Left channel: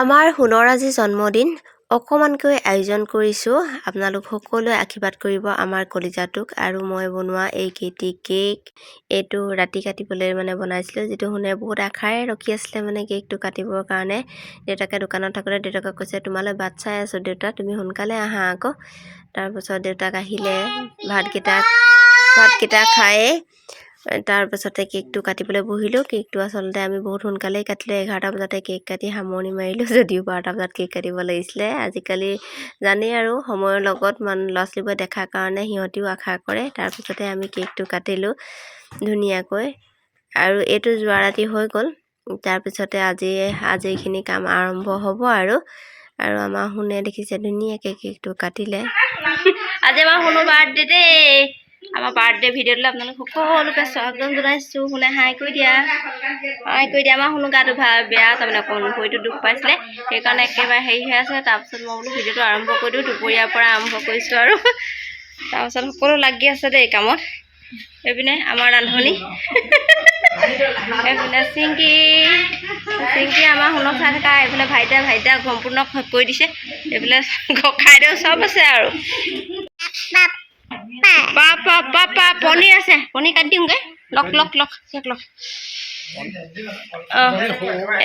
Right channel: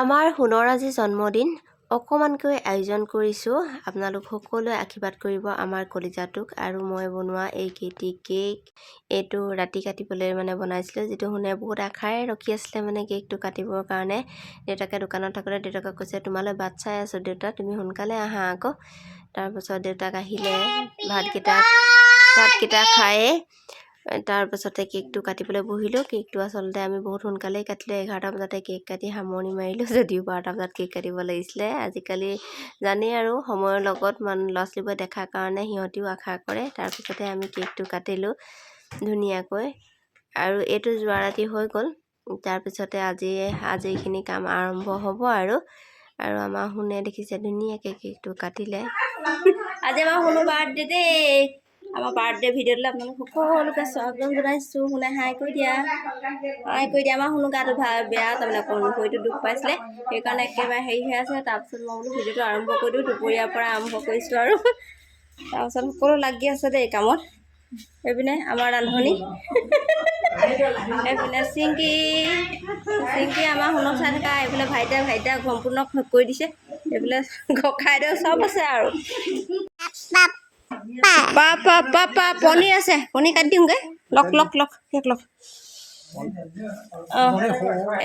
আমাৰ সোণৰ আজি জন্মদিন অকমানকৈ আয়োজন কৰিছোঁ। আপোনালোক সকলোৱে আশীৰ্বাদ কৰিব আমাৰ কলিজাটোক। আৰু মই বনোৱা এই কেক এইটো ৰাতি কাটিবলৈ বনাইছিলোঁ, যিটো শুনে বহুত আশাৰে ৰখি আছিলে কেকটো কাটিবৰ কাৰণে। দেউতাকে দোকানত থাকোঁতে দেউতাকক কৈছে, তোমালৈ বাট চাই আছোঁ দেউতা, তুমি সোনকালে আহা আকৌ। তাৰপাছত দেউতাক আহিলে, ভাতকেইটা খায়ে তাৰপাছতে কেকটো কাটিবলৈ বহিলোঁ। কেকটো আচলতে আমি বহুত সোনকালেই কাটিলোঁ, 11টা বজাতে কেক কাটি সামৰণি মাৰিলোঁ, যদিও 12টা বজাত কেক কাটিব লাগিছিলে। আজিকালি জানেই আৰু সময়ৰ লগত ল'ৰা ছোৱালীবোৰে দেখাৰ কাৰণে সিহঁতিও আশা কৰে। তাৰপিছতে আমি কেকটো কাটিলোঁ ধুনীয়াকৈ, আৰু এইটো যোৱা ৰাতি হৈ গ'ল। তাৰপিছতে আজি এইখিনি কাম আৰম্ভ হ'ব আৰু আমাৰ শুনে দেখিছে ধুনীয়াকৈ কেকটো কাটিলে। আজি আমাৰ শুনো বাৰ্থডে দেই। আমাৰ বাৰ্থডে ভিডিঅ'টোলৈ আপোনালোক সকলোকে স্বাগতম জনাইছোঁ। শুনে হাই কৰি দিয়া, আমাৰ শুনো গাটো বেয়া, তাৰমানে ভৰিটো দুখ পাইছিলে, সেইকাৰণে একেবাৰে হেৰি হৈ আছে। তাৰপিছত মই বোলো ভিডিঅ'টো আৰম্ভ কৰি দিওঁ, দুপৰীয়াৰ পৰা আৰম্ভ কৰিছোঁ আৰু তাৰপিছত সকলো লাগি আছে দেই কামত। এইপিনে আমাৰ ৰান্ধনি, এইপিনে চিংকি আমাৰ শুনক চাই থকা, এইফালে ভাইটিয়ে সম্পূৰ্ণ কৰি দিছে, এইফালে খাইদেউ চব আছে আৰু পনীৰ আছে, পনীৰ কাটি দিওঁগৈ। লক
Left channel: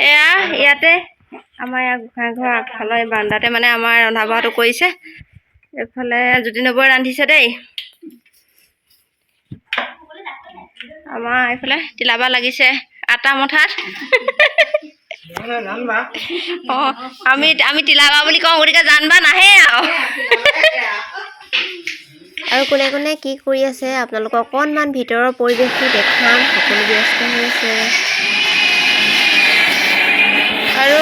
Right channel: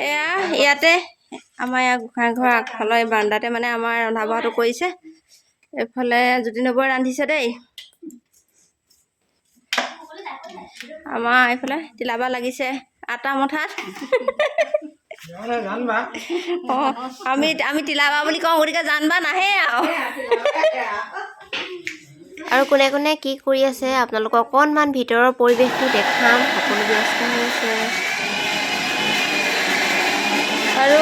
এয়া ইয়াতে আমাৰ গোঁসাই ঘৰ আগফালৰ এই বাৰাণ্ডাতে আমাৰ ৰন্ধা বঢ়াটো কৰিছে। এইফালে জ্যোতি নবৌয়ে ৰান্ধিছে দেই। আমাৰ এইফালে তিলাবা লাগিছে আটা মঠাত। আমি তিলাবা বুলি কওঁ, গতিকে জানবা নাহে আৰু কোনে কোনে কি কৰি আছে আপোনালোকক অকণমান ভিতৰৰ পৰিৱেশটো দেখাম। সকলো ব্যস্ত হৈছে আৰু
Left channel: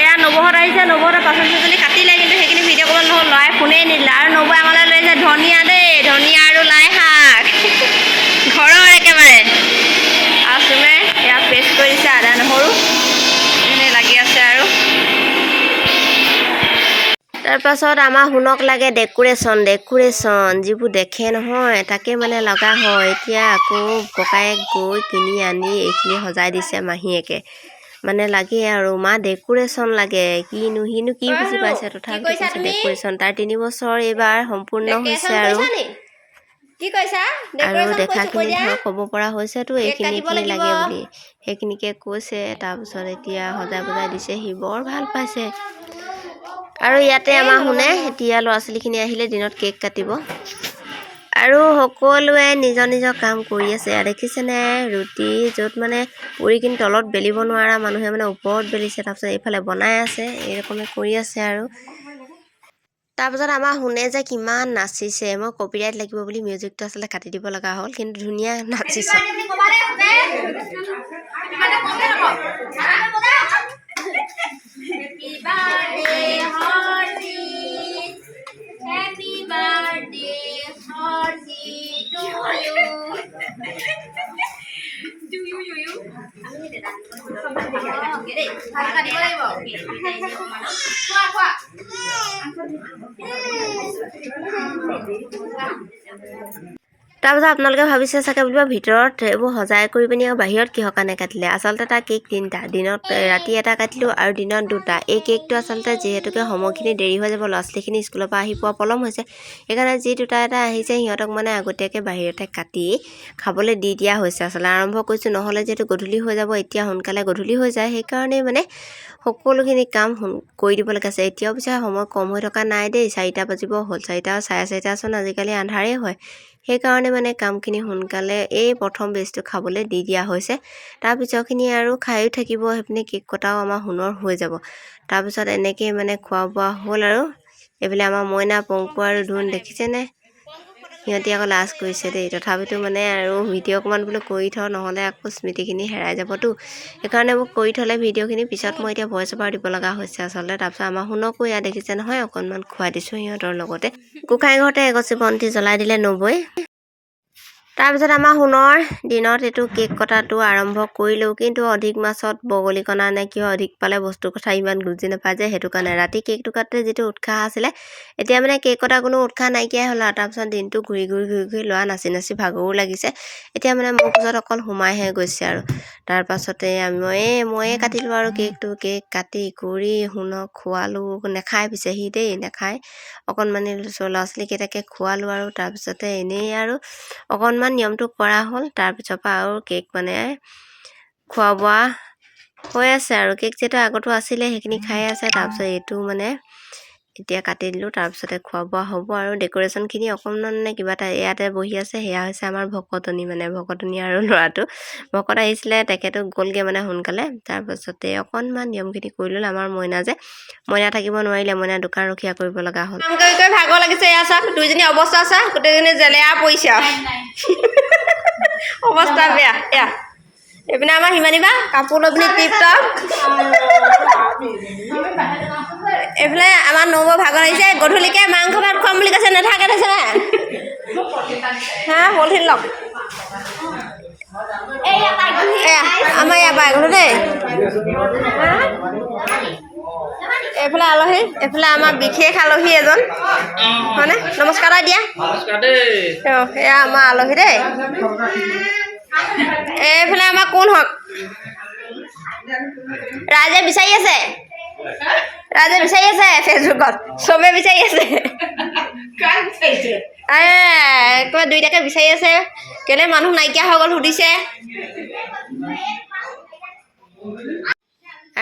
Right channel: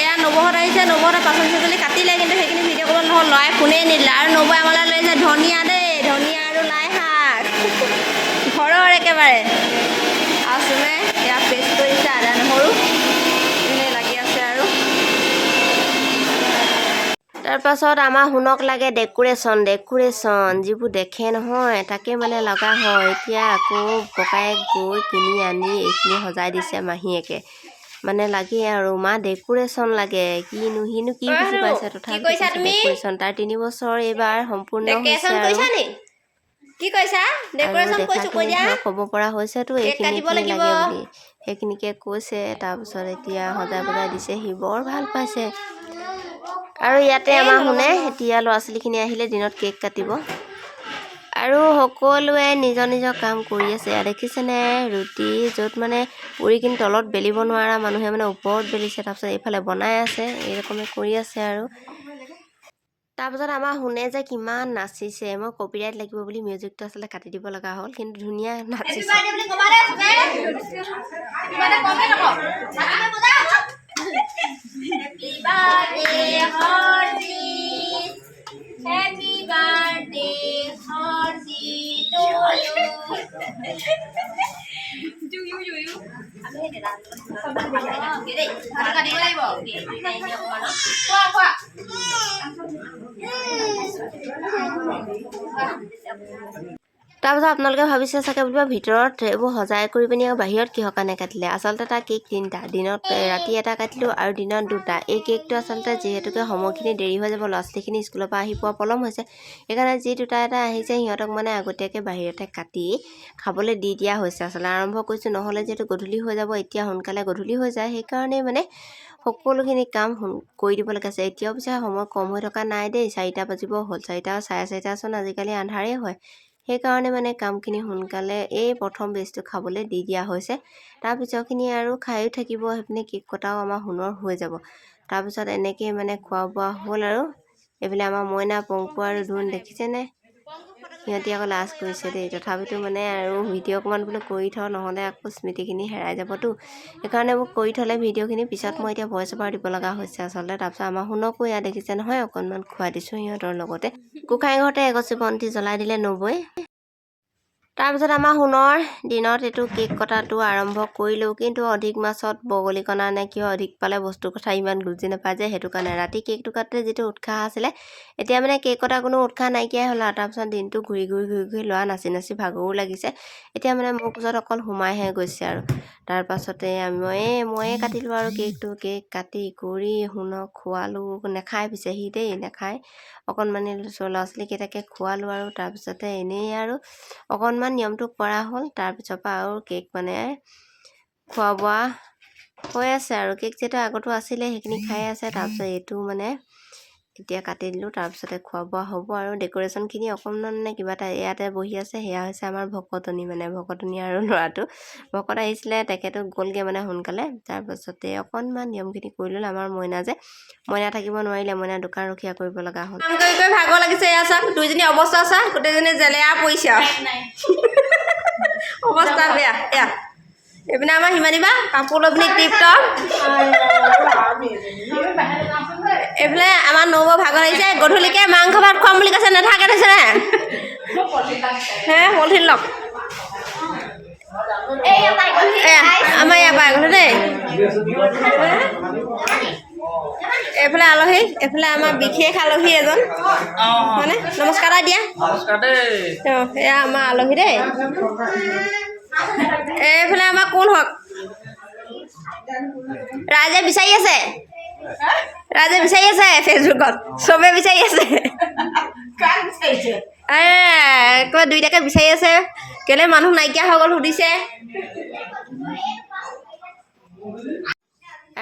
এয়া নবৌহঁত আহিছে। নবৌহঁতে পাচলি চাচলি কাটিলে, কিন্তু সেইখিনি ভিডিঅ' কৰিব নহ'ল, ল'ৰাই ফোনেই নিদিলে। আৰু নবৌয়ে আমালৈ লৈ আহিছে ধনিয়া দেই, ধনিয়া আৰু লাই শাক ঘৰৰ একেবাৰে। আৰু চুমে এয়া পেষ্ট কৰি দিছে আদা নহৰু, এনেই লাগি আছে আৰু তাৰপাছত আমাৰ শুনক লাগে ডেকোৰেশ্যন যিবোৰ দেখে নহয় তাকে লগা হয়। এতিয়া আকৌ ককায়েক গৈ কিনি আনি এইখিনি সজাই দিছে মাহীয়েকে, লাগে আৰু মা ডেকোৰেশ্যন লাগে। সিনো কি বুজি পাইছে, তথাপিতো ডেকোৰেশ্যন। তাৰ 3 বছৰ এইবাৰ সম্পূৰ্ণ হৈছে আৰু দেখাখিনি ধৰক ক'ব পৰা হৈছেতো এইখিনি কি লাগে বুলি, সেইখিনিকে কৈছে। তাৰপিছত এতিয়া সজাই বজাই দিছেহি, বৰ ভাল পাইছে। আৰু ইয়াতে আমাৰ শুনে এতিয়া ল'ৰা ছোৱালীখিনি আহিলে দিনত কেক কাটিব, আৰু সকলোৱে নিজৰ নিজৰ কাম কৰি আছে। দেখিছেনে ৰুটি য'ত পুৰি কিনি তলত বেলিব নোৱাৰা মানুহে ওপৰত বেলিছে, তাৰপিছত এইফালে বনাই আছে, এইৰকমে কৰি আছে আৰু তাৰপিছত আমাৰ শুনে যে কিমান নাচিছে। মই কপিৰাইট লাগিব বুলি মিউজিকটো আচলতে কাটি দিব লগা হ'ল, কিন্তু ধুনীয়া নাচিছে। তাৰপিছত আপোনালোকে ভাবিছে চাগে বুলিব ভিতৰত এইবোৰ সজাই কৰি পিনি আৰু বাহিৰত কিহৰ কাৰণে কাটিলে। আচলতে তাৰ কেক 3টা, ৰাতি এটা কাটিলোঁ আৰু দিনত 2টা। এই কেকটো আচলতে যিহেতুকে সময়খিনি দেৰি হৈ যাব, ল'ৰা ছোৱালীখিনি স্কুলৰ পৰা আহি পোৱা পলম হৈছে, সেইকাৰণে যি 2টা এটা আহিছে সিহঁতক আগতীয়াকৈ বাহিৰতে কাটি খাবলৈ দি দিয়া হৈছে। আচলতে আৰম্ভ কৰিছোঁ, নহ'লে যিহেতু গধূলি হৈ যাব, এতিয়া সোনকালে গধূলি হৈ যায়, সেইকাৰণেই সকলোখিনি কাম কৰি দিব লগা আছে। এতিয়াও পিছে সময় কম হৈ থকা নাই দেই, 4টা বাজিব হ'ল, 4টা আৰু 4:30চোন আজিকালি আন্ধাৰেই হয়। সেইকাৰণে কামখিনি সোনকালে এই প্ৰথম বেজটো খাবলৈ দি দিয়া হৈছে। তাৰ পিছৰখিনি আৰু খায়ো থাকিব, সেইপিনে কেক কটাও আমাৰ সোণৰ হৈ যাব। তাৰপিছত এনেকৈ খোৱা বোৱা হ'ল আৰু এইফালে আমাৰ মইনা পংকু আৰু ধুন দেখিছেনে, সিহঁতি আকৌ লাজ কৰিছে দেই। তথাপিতো আৰু ভিডিঅ' অকণমান বোলো কৰি থওঁ, নহ'লে আকৌ স্মৃতিখিনি হেৰাই যাবতো, সেইকাৰণে মোক কৰি থ'লে ভিডিঅ'খিনি পিছত মই এতিয়া ভইচ অভাৰ দিব লগা হৈছে আচলতে। তাৰপিছত আমাৰ শুনকো ইয়াত দেখিছে নহয়, অকণমান খুৱাই দিছোঁ সিহঁতৰ লগতে। গোঁসাই ঘৰতে এগছি বন্তি জ্বলাই দিলে নবৌয়ে। তাৰপিছত আমাৰ সোণৰ দিনত এইটো কেক কটাটো আৰম্ভ কৰিলেও, কিন্তু অধিক মাছত বগলী কণা নে কিয় অধিক পালে বস্তুৰ কথা ইমান বুজি নাপায় যে, সেইটো কাৰণে ৰাতি কেকটো কাটোতে যিটো উৎসাহ আছিলে, এতিয়া মানে কেক কটাৰ কোনো উৎসাহ নাইকিয়াই হ'ল আৰু। তাৰপিছত দিনটো ঘূৰি ল'ৰা নাচি ভাগৰো লাগিছে। এতিয়া মানে মোৰ পিছত অকল সোমাইহে গৈছে আৰু। তাৰপাছতে ময়ে কাটিলোঁ আৰু কেক কাটি কৰি সোণক খোৱালোঁ। নেখায় পিছে সি দেই, নেখায়। অকণমানি ল'ৰা ছোৱালীকেইটাকে খোৱালোঁ আৰু তাৰপিছতে এনেই আৰু অকণমান নিয়মটো কৰা হ'ল। তাৰপিছৰ পৰা আৰু কেক মানে খোৱা বোৱা হৈ আছে আৰু। কেক যিহেতু আগতো আছিলে সেইখিনি খাই আছে। তাৰপিছত এইটো মানে এতিয়া কাটি দিলোঁ। তাৰপিছতে খোৱা বোৱা হ'ব আৰু। ডেক'ৰেশ্যনখিনি অকণমান মানে কিবা এটা ইয়াতে বহি আছে, সেয়া হৈছে আমাৰ ভকতনী আৰু ল'ৰাটো। ভকত আহিছিলে, তেখেতো গ'লগৈ মানে সোনকালে। তাৰপাছতে অকণমান নিয়মখিনি কৰি ল'লে। আমাৰ মইনা থাকিব নোৱাৰিলে, মইনা দোকান ৰখীয়া কৰিব লগা হ'ল। কাম কৰি ভাগৰ লাগিছে। এয়া চাওক দুইজনী অৱস্থা চা, গোটেইজনী জেলেৰা পৰিছে আৰু অৱস্থা বেয়া। এয়া এইপিনে আমাৰ সিমানী বা কাপোৰ লৈ পিনি টিপটপ। এইফালে আমাৰ নবৌ ভাগৰ লাগিছে, গধূলিকে মাংস ভাত খুৱাম বুলি কৈছে, নাথাকে কৈছে নে হা পলিথিন লওক। আমাৰ ইয়াৰ পৰা গ'লো দেই। এইফালে আলহী, এইফালে আমাৰ বিশেষ আলহী এজন, হয়নে? নমস্কাৰ এটা দিয়া। এয়া আমাৰ আলহী দেই। এইফালে আমাৰ কোন হওক, ৰাইজে বিচাৰি আছে, ফেচবুকত চবে বিচাৰি আছে। দুইটাকে বিচাৰি আছে, কেলে মানুহ নাইকিয়া হৈ গ'ল সুধিছে।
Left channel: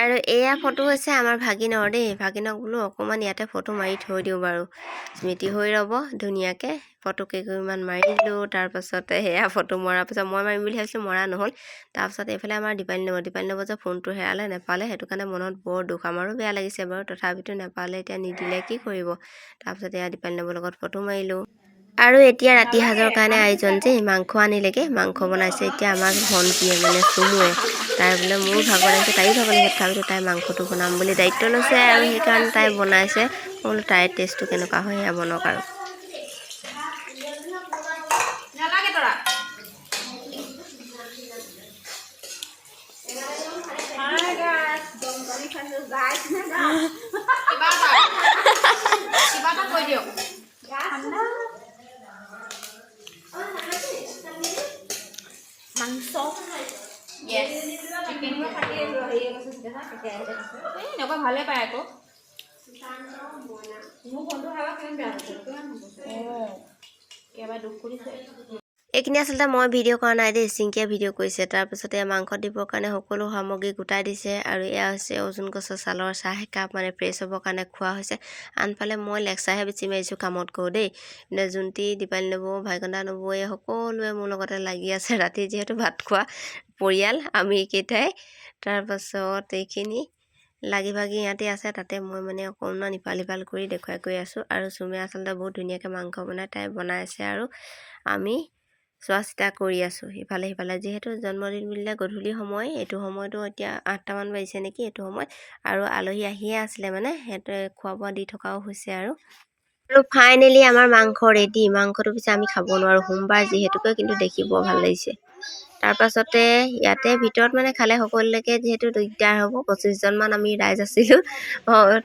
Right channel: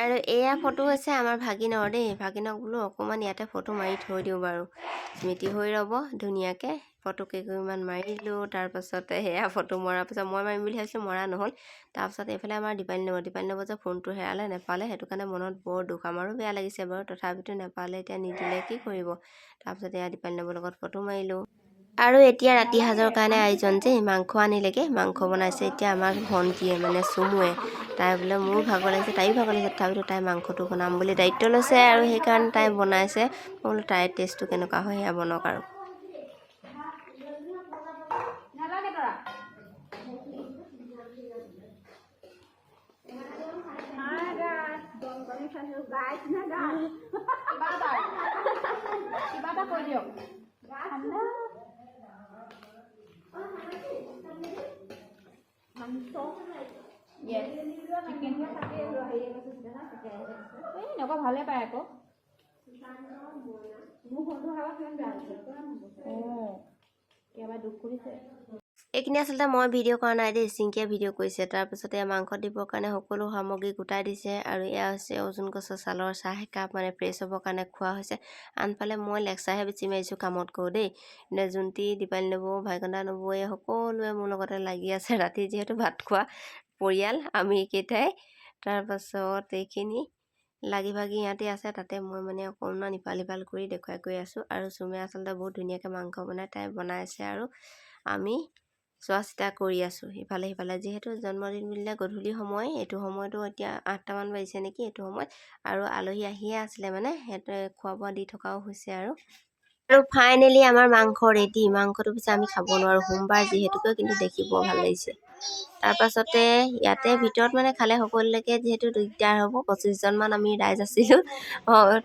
আৰু এয়া ফটো হৈছে আমাৰ ভাগিনৰ দেই। ভাগিনক বোলো অকণমান ইয়াতে ফটো মাৰি থৈ দিওঁ বাৰু, স্মৃতি হৈ ৰ'ব ধুনীয়াকৈ। ফটো কেইকপিমান মাৰিলোঁ। তাৰপাছতে সেয়া ফটো মৰাৰ পিছত মই মাৰিম বুলি ভাবিছিলোঁ, মৰা নহ'ল। তাৰপাছত এইফালে আমাৰ দীপালী নব যে ফোনটো নেপালে, সেইটো কাৰণে মনত বৰ দুখ। আমাৰো বেয়া লাগিছে বাৰু, তথাপিতো নেপালে, এতিয়া নিদিলে কি কৰিব। তাৰপিছত এয়া দীপালী নবৰ লগত ফটো মাৰিলোঁ। আৰু এতিয়া ৰাতি সাজৰ কাৰণে আয়োজন যে মাংস আনিলেগৈ, মাংস বনাইছে এতিয়া আমাৰ ভণ্টীয়ে মানে চুমুৱে। তাই বোলে মোৰ ভাগৰ লাগিছে, তাইও ভাগৰ লাগিছে, তথাপিতো তাই মাংসটো বনাম বুলি দায়িত্ব লৈছে আৰু সেইকাৰণে তাই বনাইছে। মই বোলো তাইৰ টেষ্টটো কেনেকুৱা হয় সেয়া বনক আৰু। ভালে পায় আকৌ। এইখিনি আচলতে মই ভিডিঅ' কৰা নাই দেই, চিংকিয়ে ভিডিঅ' কৰিছে। তাৰপিছতে মাংস দিবৰ কাৰণে সকলো সামগ্ৰী গোটাই দিছে। আৰু এয়া হৈছে অৰ্জুন গছৰ ছালৰ চাহ একাপ, মানে ফ্ৰেছ হ'বৰ কাৰণে খোৱা হৈছে। আনফালে মই লেকচাৰহে বেছি মাৰিছোঁ, কামত কৰোঁ দেই। কিন্তু যোনটি দীপালী নবৌ, ভাইকন্দা নবৌৱে সকলোৱে মোৰ লগতে লাগি আছে। ৰাতি যিহেতু ভাত খোৱা পৰিয়াল আমি কেইটাই। তাৰপাছত এইখিনি লাগি ভাগি ইয়াতে আছে, তাতে মই মানে অকণমান ইফাল সিফাল কৰি দেখুৱাই গৈ আছোঁ। আৰু চুমে আচলতে বহুত ধুনীয়াকৈ মাংস বনাই, তাই বনাইছে আৰু আমি চোৱা চিতা কৰি আছোঁ ইফালে সিফালে। যিহেতু জন্মদিন বুলিলে গধূলি সময়, এইটো সময়তো এতিয়া 8টামান বাজিছে নেকি এইটো সময়ত। আৰু আলহী আহিয়ে আছিলে, মানে সিহঁতে খোৱা বোৱা দি থকাও হৈছে আৰু ফাইনেলি আমাৰ মাংস ৰেডি। মাংসটো পিছে আমি খাব নোৱাৰোঁ সোমবাৰ যিহেতুকে, কিন্তু দেখি বৰ ভাল লাগিছে। তাৰপাছতে ইয়াতে ভিতৰত মানে খালে সকলোলৈকে যিহেতু দিগদাৰ হ'ব, 25জনমান আমি ৰাইজ আছিলোঁ।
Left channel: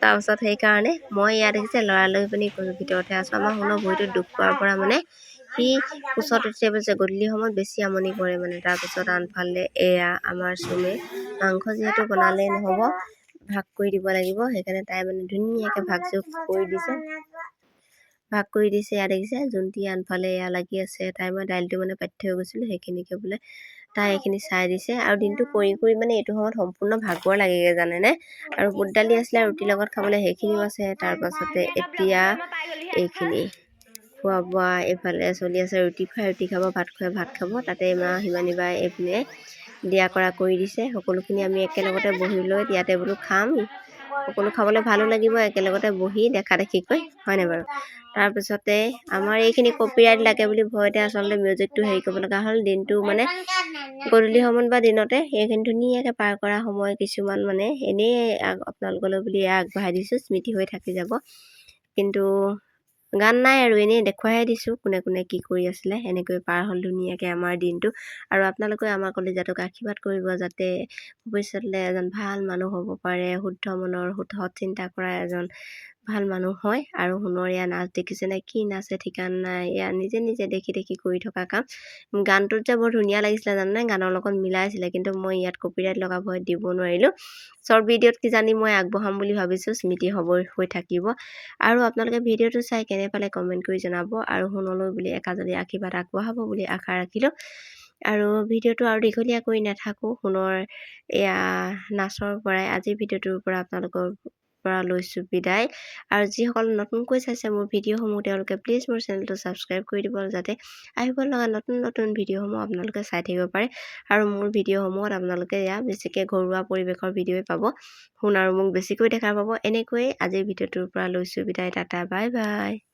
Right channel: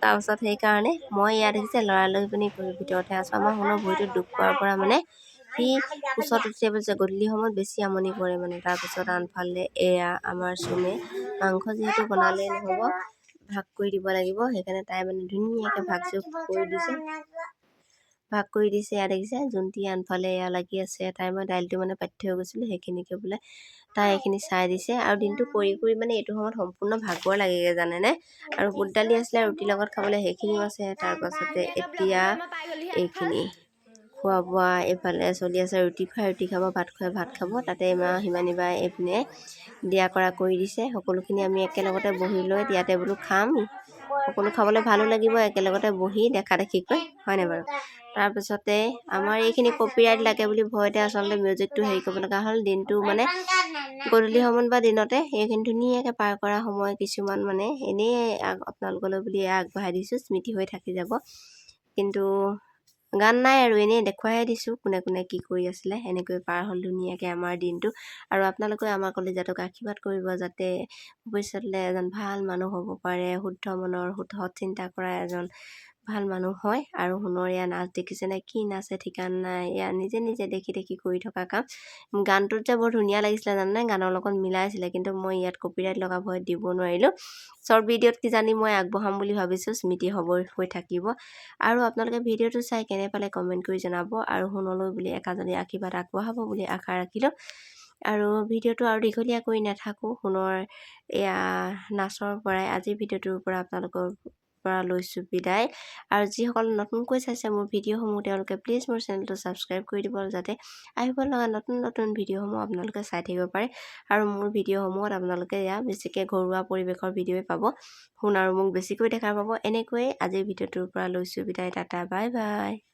তাৰপাছত সেইকাৰণে মই ইয়াত দেখিছে ল'ৰা লৈ পিনি ভিতৰতহে আছোঁ। আমাৰ সোণৰ ভৰিটোত দুখ পোৱাৰ পৰা মানে সি ওচৰত উঠি পেলাইছে, গধূলি সময়ত বেছি আমনি কৰে মানে। তাৰপিছত আনফালে এয়া আমাৰ চুমে মাংস যিহেতু বনালেই নহ'ব, ভাগ কৰি দিব লাগিব। সেইকাৰণে তাই মানে ধুনীয়াকৈ ভাগ কৰি দিছে। এয়া দেখিছে যোনটি আনফালে এয়া লাগি আছে। তাই মই দাইলটো মানে পাতি থৈ গৈছিলোঁ, সেইখিনিকে বোলে তাই এইখিনি চাই দিছে। আৰু দিনটো কৰি মানে এইটো সময়ত সম্পূৰ্ণ ভাগৰ লাগেগৈ জানেনে। আৰু বুট দালি আছিলে ৰুটিৰ লগত খাবলৈ, সেইখিনিও আছে। তাৰপাছতে এতিয়া এইখিনি খোৱা বোৱা এইফালে চলি আছে। ৰুটি খুৱাই ৰুটি খাব, ভাত খুৱাই ভাত খাব। তাতে সিমানী বাই এইপিনে দিয়া কৰা কৰি দিছে। সকলোখিনি আমি একেলগতে বহি লৈ ইয়াতে বোলো খাম, সকলো খাবলৈ ভালো লাগিব একেলগতে বহি দেখা দেখিকৈ, হয়নে বাৰু। তাৰপিছতে আমাৰ এইখিনি কপিৰাইট লাগে বুলি ভয়তে আচলতে মিউজিকটো হেৰি কৰিব লগা হ'ল। দিনটো মানে গধূলি সময়ত বা দিনতে এইখিনি ধুনীয়াকৈ পাৰ কৰা সময় কিছুমান মানে এনেই আপোনালোকলৈ বুলি আগবঢ়াই দিছোঁ, স্মৃতি হৈ থাকি যাব। কিন্তু গান নাই আৰু এনেই দেখুৱাইহে দিছোঁ কোনে কোনে কি কৰি আছিলে। এনেকৈ পাৰ হ'ল ধুনীয়াকৈ আমাৰ দিনটো। আৰু আপোনালোকে আমাৰ কলিজাটোক আশীৰ্বাদ কৰিব যাতে ভৱিষ্যতলৈ এজন ভাল মানুহ হ'ব পাৰে, শুদ্ধ মনৰ সৎ চিন্তা কৰা এজন ভাল মানুহ হয়। আৰু সোণৰ এয়া নাচ দেখিছেনে, কি নাচে ঠিকান নাই। এয়া নিজে নিজে দেখি দেখি কৰি থকা কাম। গানটোত যে বৰ ধুনীয়া লাগিছিলে জানানে, গানৰ লগত মিলাইছিলে, কিন্তু মই ইয়াত কপিৰাইট লগা ভয়ত দিব নোৱাৰিলোঁ। শ্বৰ্ট ভিডিঅ'ত কিজানি মই আগবঢ়াম বুলি ভাবিছোঁ, স্মৃতি হৈ থাকিব। আৰু আপোনালোকে ভিডিঅ'টো চাই কেনে পালে কমেণ্ট কৰি জনাব। আৰু সোণলৈ বুলি একাজনী আশীৰ্বাদ আগবঢ়াব বুলি আশা ৰাখিলোঁ। আৰু ভিডিঅ'টো আৰু দীঘলীয়া কৰি নাথাকোঁ, সোণৰ এয়া নাচৰ পৰাই আজিৰ ভিডিঅ'টোৰ পৰা আপোনালোকৰ পৰা লৈছোঁ বিদায়। আৰু যিসকল নতুনকৈ চাইছে মোৰ ভিডিঅ'সমূহ তেওঁলোকে প্লিজ মোৰ চেনেলটো ছাবস্ক্ৰাইব কৰি দিব, যাতে আহিব লগা নতুন নতুন ভিডিঅ'সমূহ আপোনালোকে চাই থাকিব পাৰে। আৰু মোৰ ভিডিঅ'সমূহত আপোনালোকে বেছিকৈ ঘৰুৱা পৰিৱেশৰ ভিডিঅ'ই পাব, সোণ আৰু মোক বেছিকৈ দেখা পাব। এনেকৈয়ে আজিৰ ভিডিঅ'টোৰ পৰা লৈছোঁ বিদায়। Tata bye bye.